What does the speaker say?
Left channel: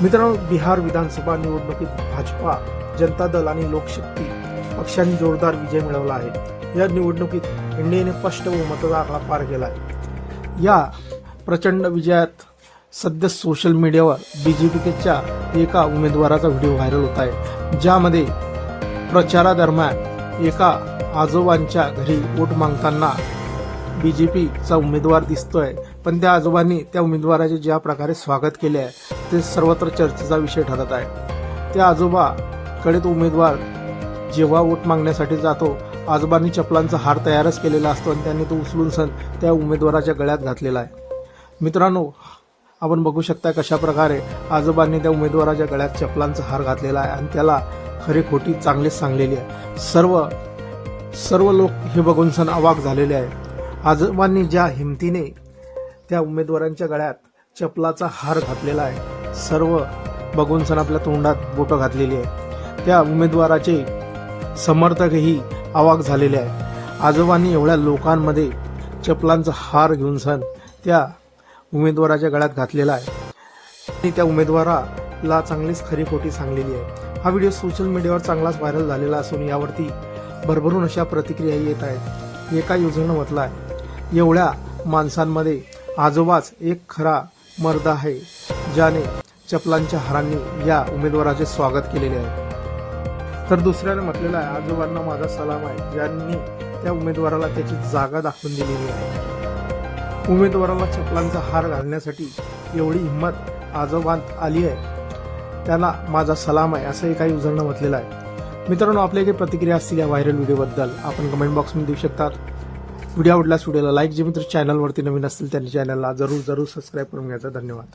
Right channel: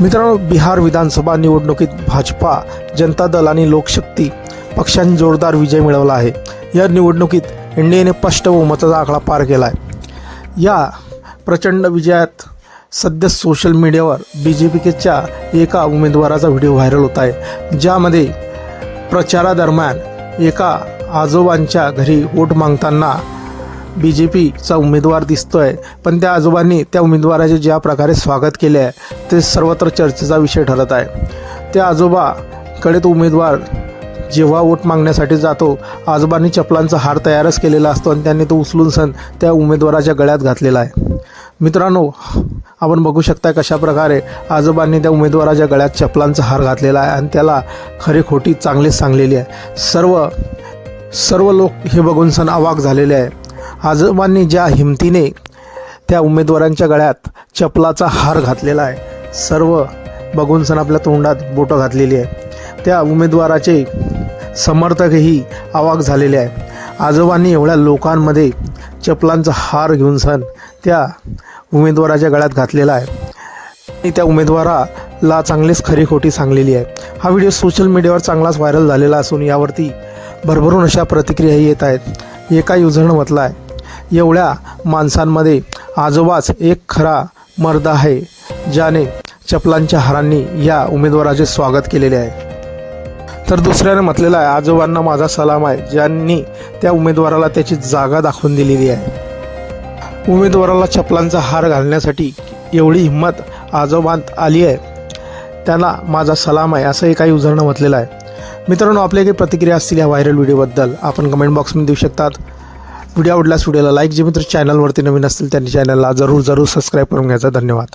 मित्रांनो, बिहार विधानसभा निवडणुकीत भाजपा, जनता दल आणि लोकशक्ती पक्षांनी जोरदार विजय मिळवला आहे। या निवडणुकीत एनडीएने स्पष्ट बहुमताचा आकडा पार केला आहे। या प्रचंड विजयात सध्या सोशल मीडियावर बीजेपीच्या एका उमेदवाराचा व्हिडिओ व्हायरल होत आहे, ज्यामध्ये प्रचारादरम्यान एका आजोबांच्या घरी वोट मागताना बीजेपीचा उमेदवार दिसतोय, पण त्या आजोबांनी त्या उमेदवाराचे ज्या प्रकारे स्वागत केले आहे ते सर्वत्र चर्चेचा विषय ठरत आहे। त्या आजोबाकडे तो उमेदवार जेव्हा वोट मागण्यासाठी जातो, आजोबांनी चपलांचा हार तयारच केलेला असतो आणि त्यांनी तो उचलून सण त्या उमेदवाराच्या गळ्यात घातलेला आहे। मित्रांनो, आपण बघू शकता कशा प्रकारे आजोबांनी त्या उमेदवाराच्या गळ्यात चपलांचा हार घातलेला आहे आणि त्याला खरी खोटी चांगलीच सांगलेली आहे। सर्व लोक हे बघून सण अवाक झालेले आहे। आजोबांनी ज्या हिमतीने त्या उमेदवारांच्या गळ्यात चपलाचा हार घातलेला आहे, सर्व बघून सण आपल्या तोंडात बोटं घातलेली आहे। त्या उमेदवाराचे समर्थकही अवाक झालेले आहे। आजोबांनी एवढ्या लोकांमध्ये चपलांचा हार घेऊन सण त्या उमेदवाराच्या गळ्यात घातलेला आहे आणि त्या उमेदवाराला चांगलीच खरी खोटी सांगलेली आहे। हा व्हिडिओ सोशल मीडियावर चांगलाच व्हायरल झालेला असून यावरती भरभरून अशा प्रतिक्रियाही येत आहेत। एका युजरनं म्हटलं आहे, एवढ्या माणसांमध्ये आजोबाच एक खरा मर्द आहे, ज्याने चपलांच्या हारांनी या उमेदवाराचे स्वागत केलेले आहे। तर दुसऱ्याने म्हटलेलं आहे, आजोबांना माझा सलाम आहे, ज्यांनी त्या उमेदवाराला त्याची जागा दाखवून दिलेली आहे। उमेदवाराला चपलांचा हार घालण्यासाठी एवढी हिंमत आजोबांत आली आहे, त्यांना माझा सलाम आहे, असंही काही युजरनं म्हटलेलं आहे। मित्रांनो, आपल्या काही प्रतिक्रिया असतील या व्हायरल व्हिडिओबद्दल आपण कमेंट बॉक्समध्ये देऊ शकतात। व्हिडिओ आवडल्यास व्हिडिओला लाईक, जे मित्र चॅनलवरती नवीन असतील त्यांनी चॅनलला जरूर सबस्क्राईब करून घ्यायचा। धन्यवाद।